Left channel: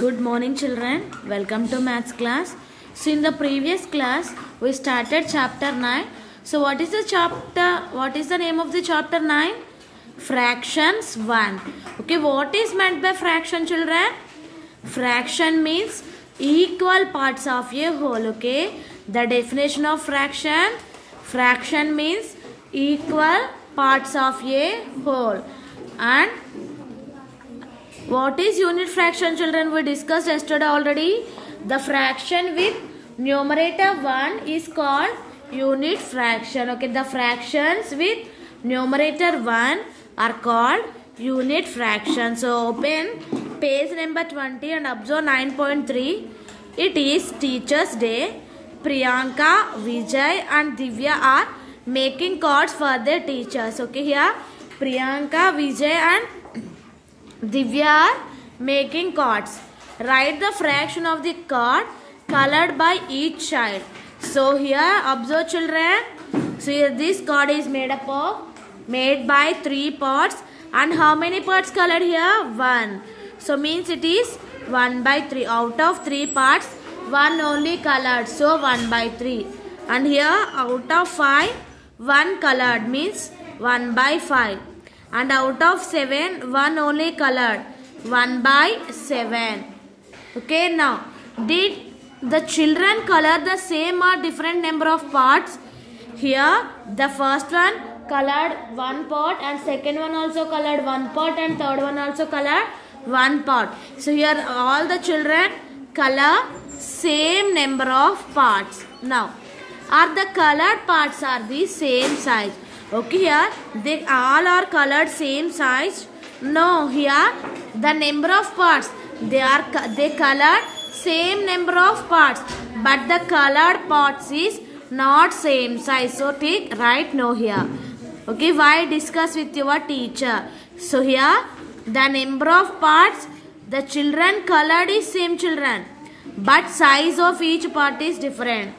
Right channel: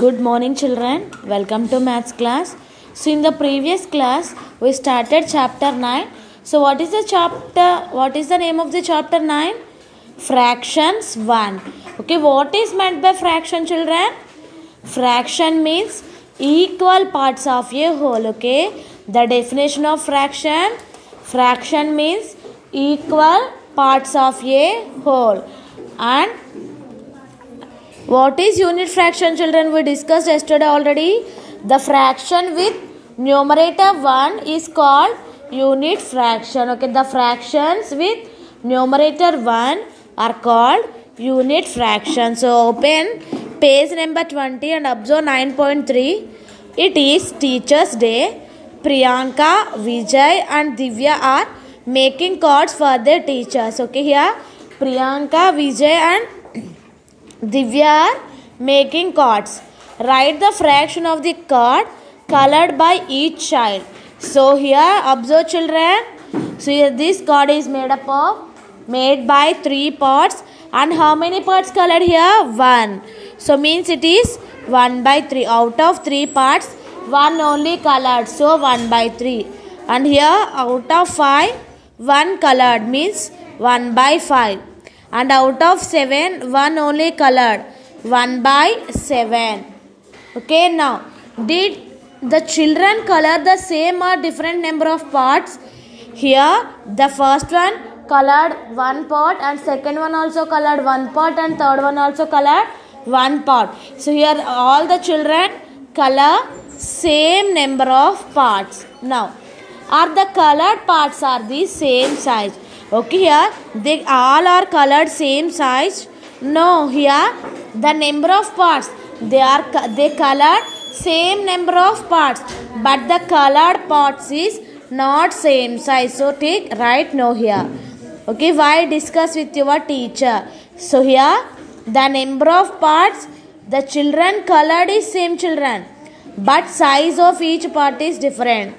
Good morning children, welcome to maths class. So in the previous class we started chapter 9. So what is the name of the chapter 9? Fractions 1. Okay, what is meant by fraction children? Fraction means equal parts of a whole. Okay, the definition of fraction means equal parts of a whole. And what is unit fraction children? We discussed yesterday already. The fraction with numerator 1 is called unit fraction. Okay, the fractions with numerator 1 are called unit fraction. So open page number 20 and observe 9.3. It is Teachers' Day. Priyanka, Vijay and Divya are making cards for their teachers. Okay, here Priyanka, Vijay and Divya are making cards. Write the fraction of the card colored by each child. So here observe children. So here this card is made by 3 parts. And how many parts colored here? 1. So means it is 1 by 3. Out of 3 parts, 1 only colored. So 1 by 3. And here out of 5, 1 colored means 1 by 5. And out of 7, 1 only colored. 1 by 7. Okay, now did the children color the same or different number of parts? Here the first one colored 1 part and second one also colored 1 part and third one also colored 1 part. So here all the children color same number of parts. Now are the colored parts are the same size? Okay, here they all are colored same size. No, here the number of parts they colored same number of parts, but the colored parts is not same size. So take right no here. Okay, why discuss with your teacher? So here the number of parts the children colored is same children, but size of each part is different.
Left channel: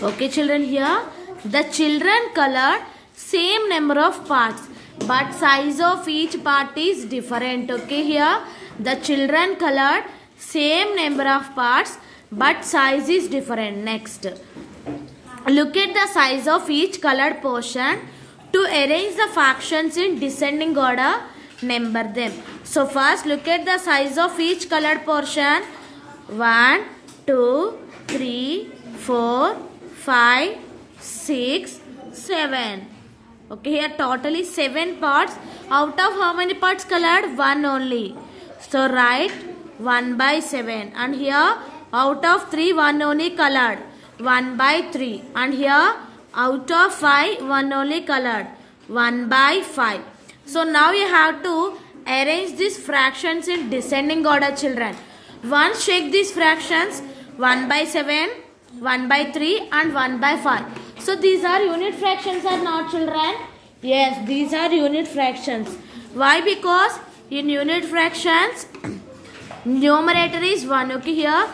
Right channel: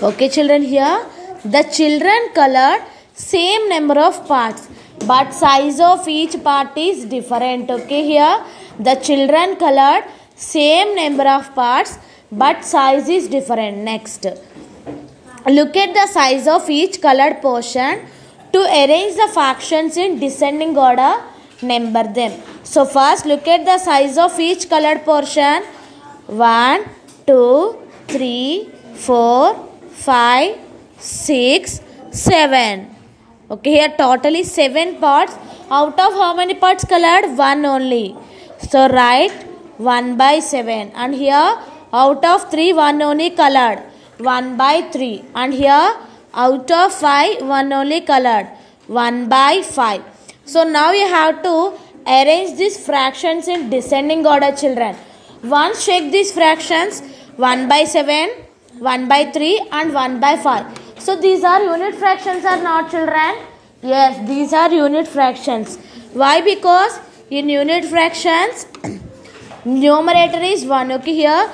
Okay children, here the children colored same number of parts, but size of each part is different. Okay, here the children colored same number of parts, but size is different. Next, look at the size of each colored portion. To arrange the fractions in descending order, number them. So first look at the size of each colored portion. 1, 2, 3, 4, 5, 6, 7. Okay, here totally 7 parts. Out of how many parts colored? 1 only. So write 1 by 7. And here out of 3, 1 only colored. 1 by 3. And here out of 5, 1 only colored. 1 by 5. So now you have to arrange these fractions in descending order children. Once check these fractions. 1 by 7, 1 by 3 and 1 by 5. So these are unit fractions or not children? Yes, these are unit fractions. Why? Because in unit fractions numerator is 1. Okay, here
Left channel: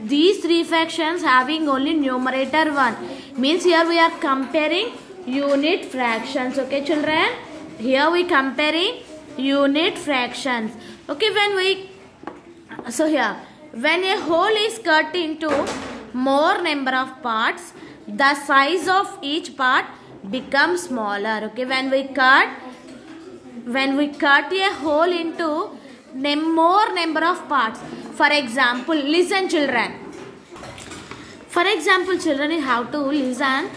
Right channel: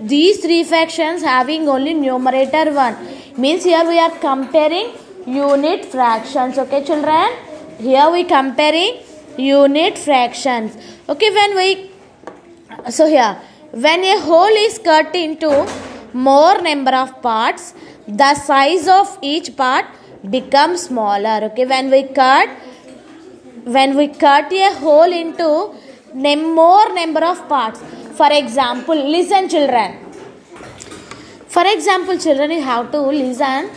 these 3 fractions having only numerator 1. Means here we are comparing unit fractions. Okay children, here we comparing unit fractions. Okay, when a whole is cut into more number of parts, the size of each part becomes smaller. Okay, when we cut a whole into more number of parts. For example, listen children. For example children, you have to listen.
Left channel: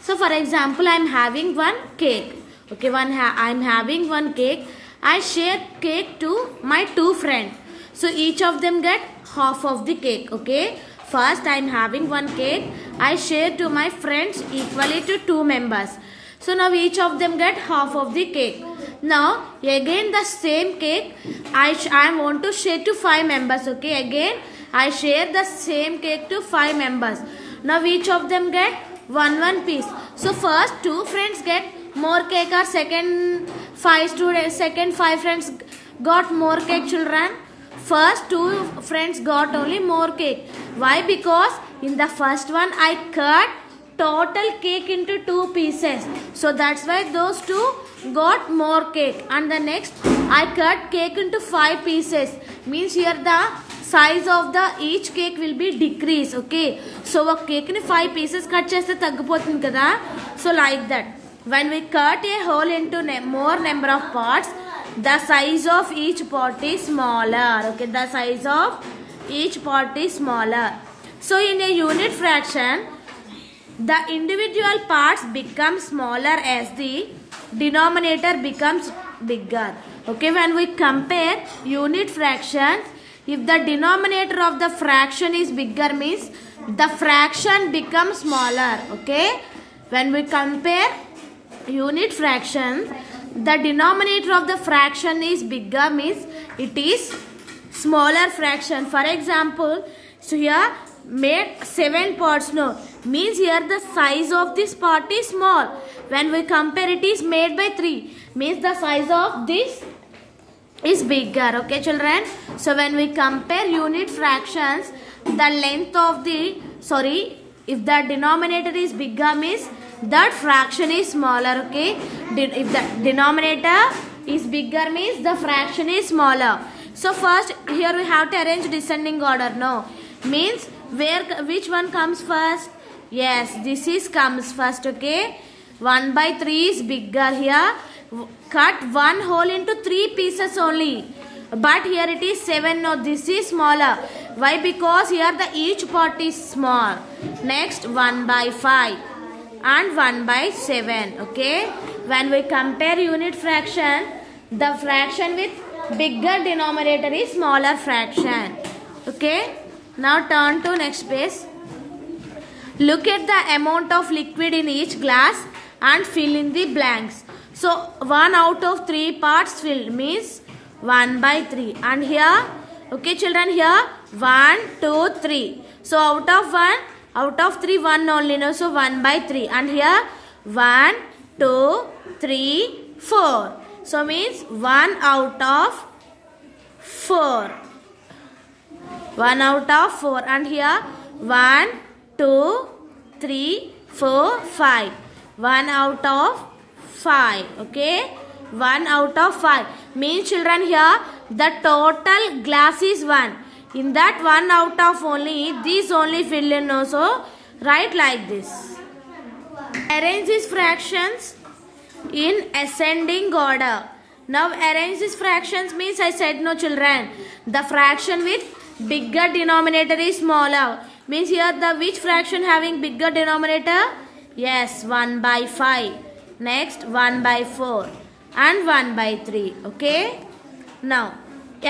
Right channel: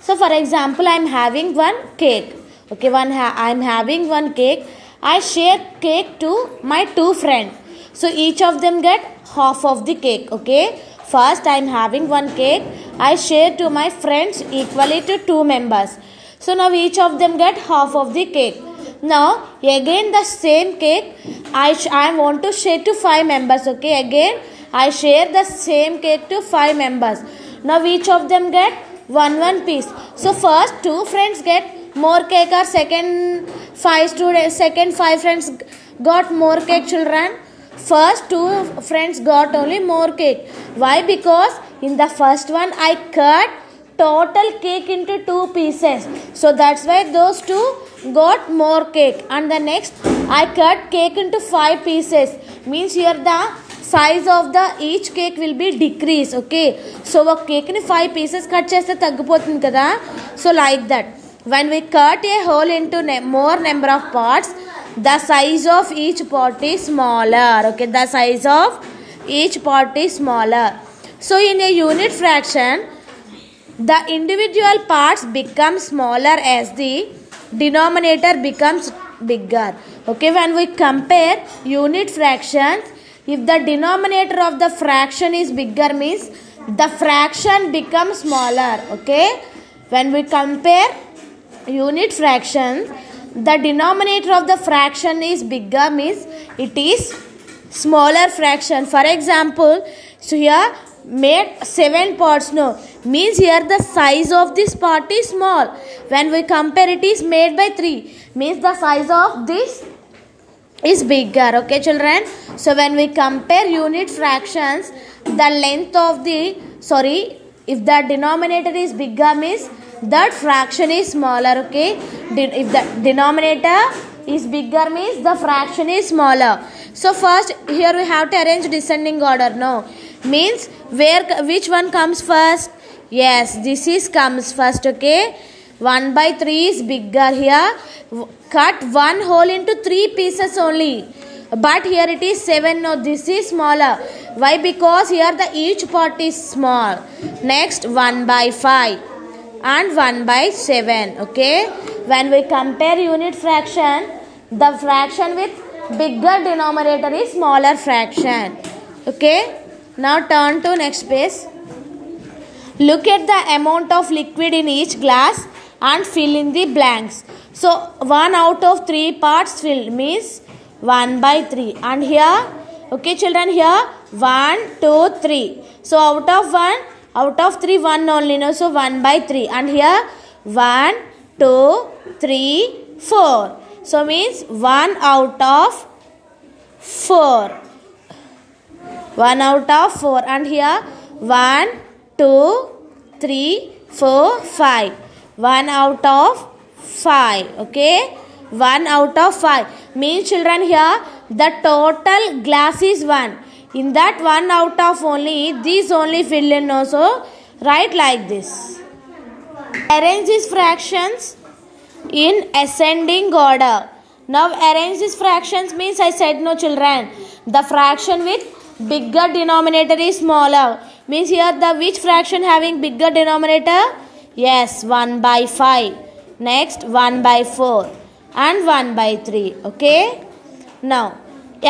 So for example, I am having one cake. Okay, I am having one cake. I share cake to my 2 friends. So each of them get half of the cake. Okay, first I am having one cake. I share to my friends equally to 2 members. So now each of them get half of the cake. Now again the same cake I want to share to 5 members. Okay, again I share the same cake to 5 members. Now each of them get one piece. So first 2 friends get more cake or second 5 friends got more cake children. First 2 friends got only more cake. Why? Because in the first one I cut total cake into 2 pieces. So that's why those 2 got more cake. And the next I cut cake into 5 pieces. Means here the size of the each cake will be decrease. Okay, so a cake ni 5 pieces cut cheste taggipotundi kada. So like that, when we cut a hole into more number of parts, the size of each part is smaller. Okay, the size of each part is smaller. So in a unit fraction, the individual parts become smaller as the denominator becomes bigger. Okay, when we compare unit fractions, if the denominator of the fraction is bigger, means the fraction becomes smaller. Okay, when we compare unit fraction, the denominator of the fraction is bigger, means it is smaller fraction. For example, so here made 7 parts, no, means here the size of this part is small. When we compare, it is made by 3, means the size of this is bigger. Okay children, so when we compare unit fractions, the length of the, if the denominator is bigger, means that fraction is smaller. Okay, if the denominator is bigger, means the fraction is smaller. So first here we have to arrange descending order. No, means which one comes first? Yes, this is comes first. Okay, 1/3 is bigger. Here cut one hole into 3 pieces only, but here it is 7. No, this is smaller. Why? Because here the each part is small. Next 1/5 and 1/7. Okay, when we compare unit fraction, the fraction with bigger denominator is smaller fraction. Okay, now turn to next page. Look at the amount of liquid in each glass and fill in the blanks. So 1 out of 3 parts filled, means 1/3. And here, okay children, here 1, 2, 3. So out of 3, 1 only, no, so 1/3. And here 1, 2, 3, 4. So means 1 out of 4. 1 out of 4. And here 1, 2, 3, 4, 5. 1 out of 5. Okay, 1 out of 5 means children, here the total glass is 1. In that 1 out of only, these only fill in also. Write like this. Arrange these fractions in ascending order. Now arrange these fractions means, I said no children, the fraction with bigger denominator is smaller. Means here the which fraction having bigger denominator? Yes, 1/5. Next 1/4 and 1/3. Okay, now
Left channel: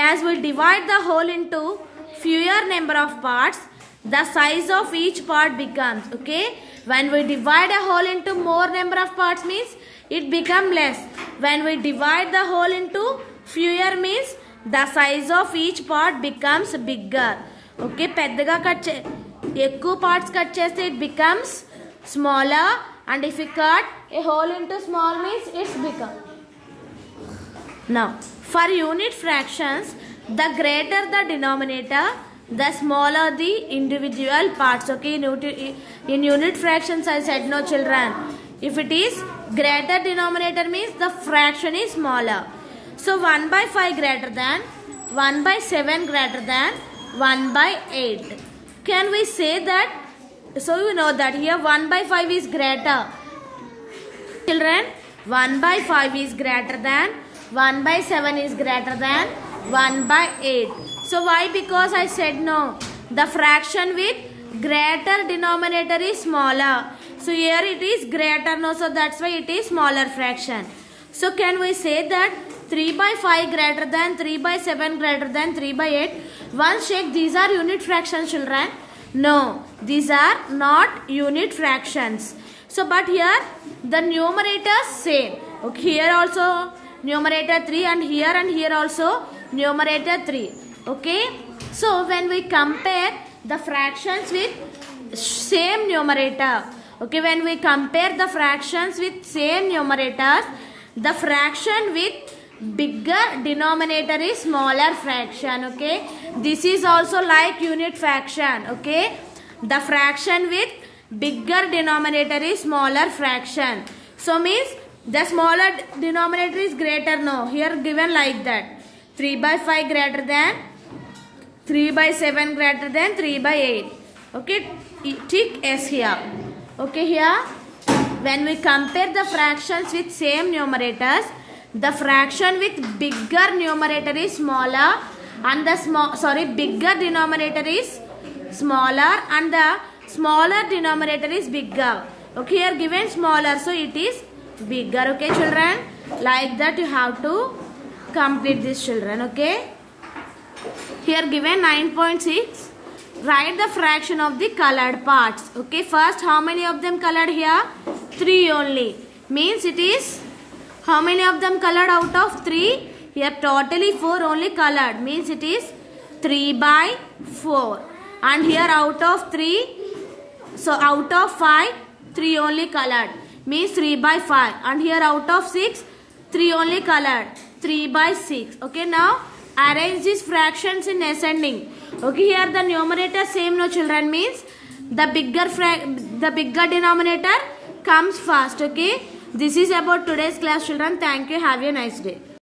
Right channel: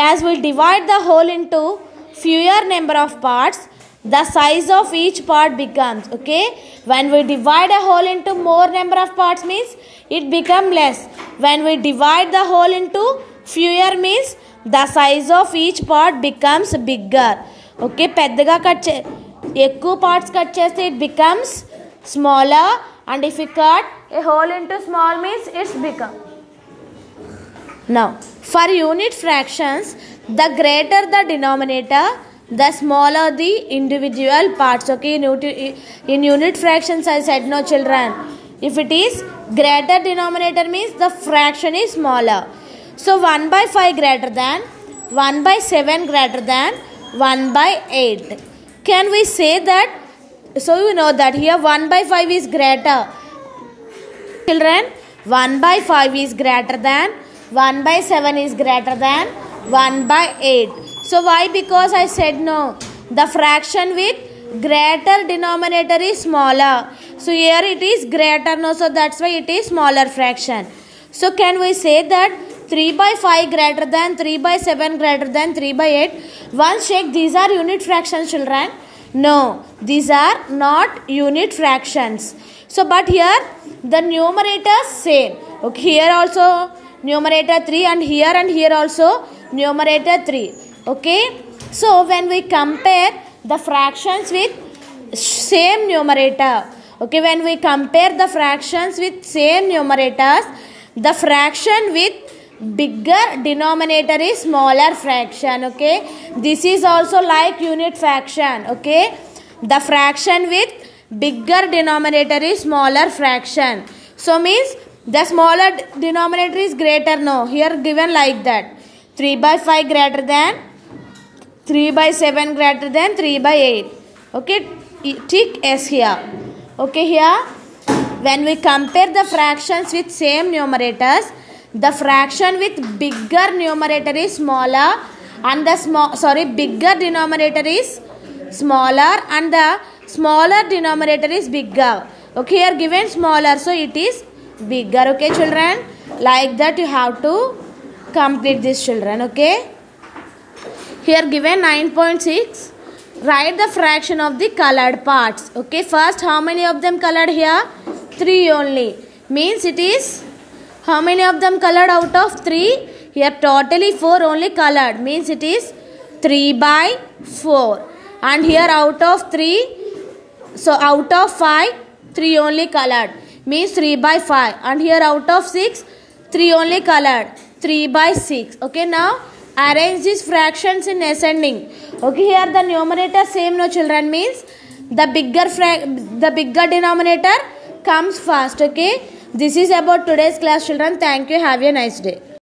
as we divide the whole into fewer number of parts, the size of each part becomes, okay, when we divide a whole into more number of parts, means it become less. When we divide the whole into fewer, means the size of each part becomes bigger. Okay, పెద్దగా cut ఎక్కువ parts cut చేస్తే it becomes smaller, and if we cut a whole into small, means it's become. Now for unit fractions, the greater the denominator, the smaller the individual parts. Okay, in unit fractions I said no children, if it is greater denominator, means the fraction is smaller. So 1/5 greater than, 1/7 greater than 1/8. Can we say that? So you know that here 1/5 is greater. Children, 1/5 is greater than, 1/7 is greater than 1/8. So why? Because I said no, the fraction with greater denominator is smaller. So here it is greater, no, so that's why it is smaller fraction. So can we say that 3/5 greater than, 3/7 greater than 3/8? Once check, these are unit fractions children. No, these are not unit fractions. So but here the numerators same. Okay, here also numerator 3, and here also numerator 3. Okay, so when we compare the fractions with same numerator, okay, when we compare the fractions with same numerators, the fraction with bigger denominator is smaller fraction. Okay, this is also like unit fraction. Okay, the fraction with bigger denominator is smaller fraction. So means the smaller denominator is greater. No, here given like that, 3/5 greater than 3/7 greater than 3/8. Okay, tick S here. Okay, here when we compare the fractions with same numerators, the fraction with bigger numerator is smaller and the bigger denominator is smaller and the smaller denominator is bigger. Okay, here given smaller, so it is bigger. Okay children, like that you have to complete this children. Okay, here given 9.6. Write the fraction of the colored parts. Okay, first how many of them colored here? 3 only. Means it is how many of them colored out of 3? Here totally 4 only colored. Means it is 3/4. And here out of 3, so out of 5, 3 only colored. Means 3/5. And here out of 6, 3 only colored. 3/6. Okay, now arrange these fractions in ascending. Okay, here the numerator same no children, means the bigger denominator comes first. Okay, this is about today's class children. Thank you. Have a nice day.